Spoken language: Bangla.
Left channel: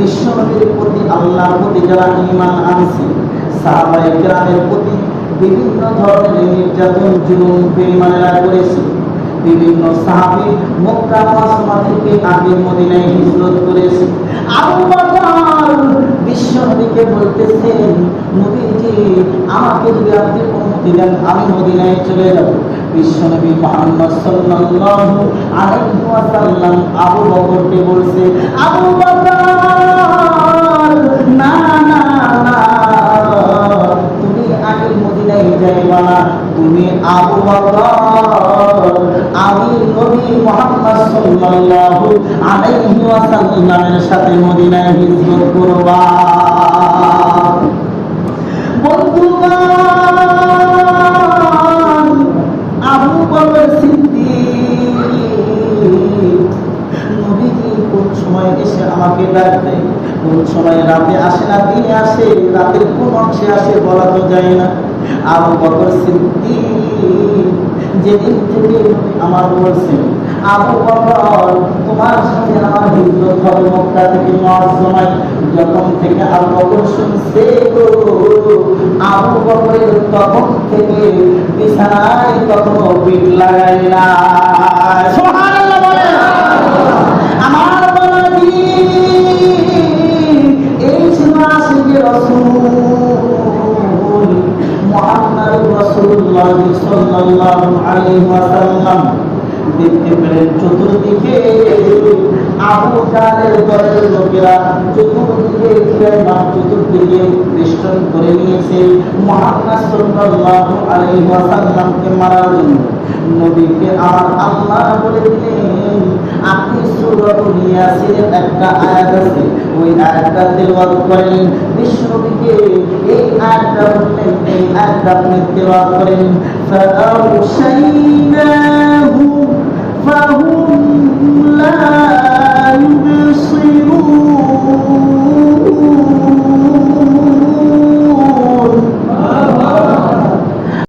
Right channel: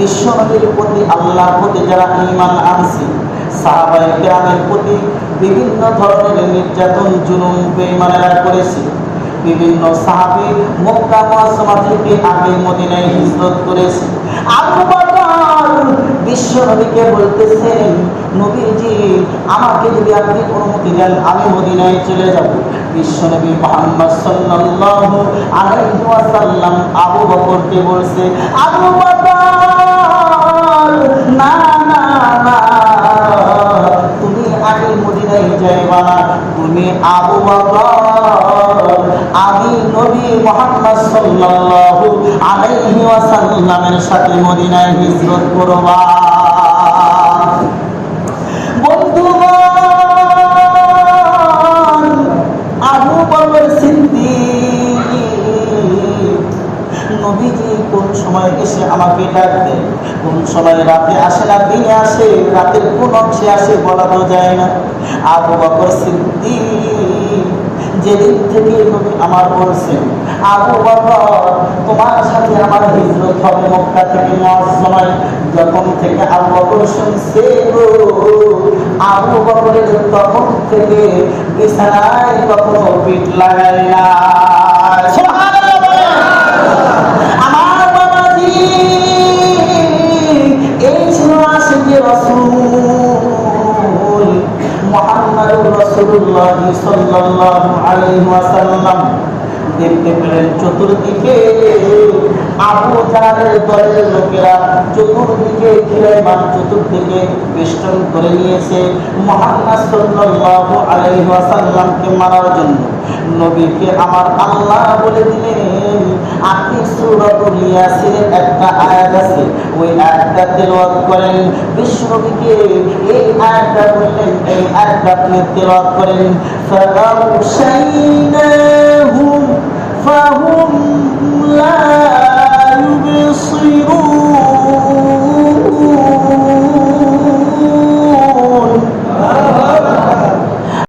বিশ্বনবীর প্রতি আল্লাহর প্রতি যারা ঈমান আনছে, সাহাবায়ে কেরামের প্রতি বিভিন্ন ধরনের নির্যাতন জুলুম বেঈমানেরা করেছে। বিভিন্ন সাহাবী মক্কা মুআজ্জামা থেকে আগে মদিনায় হিজরত করেছে। আবু বকর বিশ্বনবীকে বলতেছেন, নবীজি আমাকে যদি আপনি অনুমতি দেন আমি মদিনায় চলে যাব। বিশ্বনবী মুহাম্মদ সাল্লাল্লাহু আলাইহি ওয়াসাল্লাম আবু বকরকে বলছে, আবু বকর না না না, তুমি আগে মদিনায় যাইবা না, তুমি আবু বকর আমি নবী মুহাম্মদ সাল্লাল্লাহু আলাইহি ওয়াসাল্লামের সাথে মদিনায় হিজরত করবা। বন্ধুগণ, আবু বকর সিদ্দিক নবীজি কোন সময় এসে আমাকে ডাক দেয়, কোন সময় রাতে আসে না দিনে আসে, রাতের কোন অংশে আসে বলা তো যায় না। আবু বকর সিদ্দিক যেদিন থেকে নবী আমার বলছেন, আবু বকর তোমার সাথে আমার হিজরত হবে মক্কা থেকে মুআজ্জামায়, যখন থেকে আবু বকর শুনছে গো, আবু বকরের তখন থেকে বিছানায় কখনো পিঠ লাগায় না। সুবহানাল্লাহ বলেন। আমার বাবাজি এই ছিল আশিকে রাসূল মুহাম্মদুর রাসূলুল্লাহ সাল্লাল্লাহু আলাইহি ওয়াসাল্লাম। দেখতে পেলেন চতুর্দিকে আবু জাহলের দলের লোকেরা চতুর্দিকে ঘিরাইমান, চতুর্দিকে বেষ্টন করে নিয়েছে মুহাম্মদ সাল্লাল্লাহু আলাইহি ওয়াসাল্লামকে মারার জন্য। নবীকে আমার আল্লাহ বলে দিলেন, আপনি সূরাতুল ইয়াসিনের একটা আয়াত আছে, ওই আয়াতটা তেলাওয়াত করেন। বিশ্বনবীকে এই আয়াতটা বললেন, এই আয়াতটা আপনি তেলাওয়াত করেন। ফাআউশাইনাহুম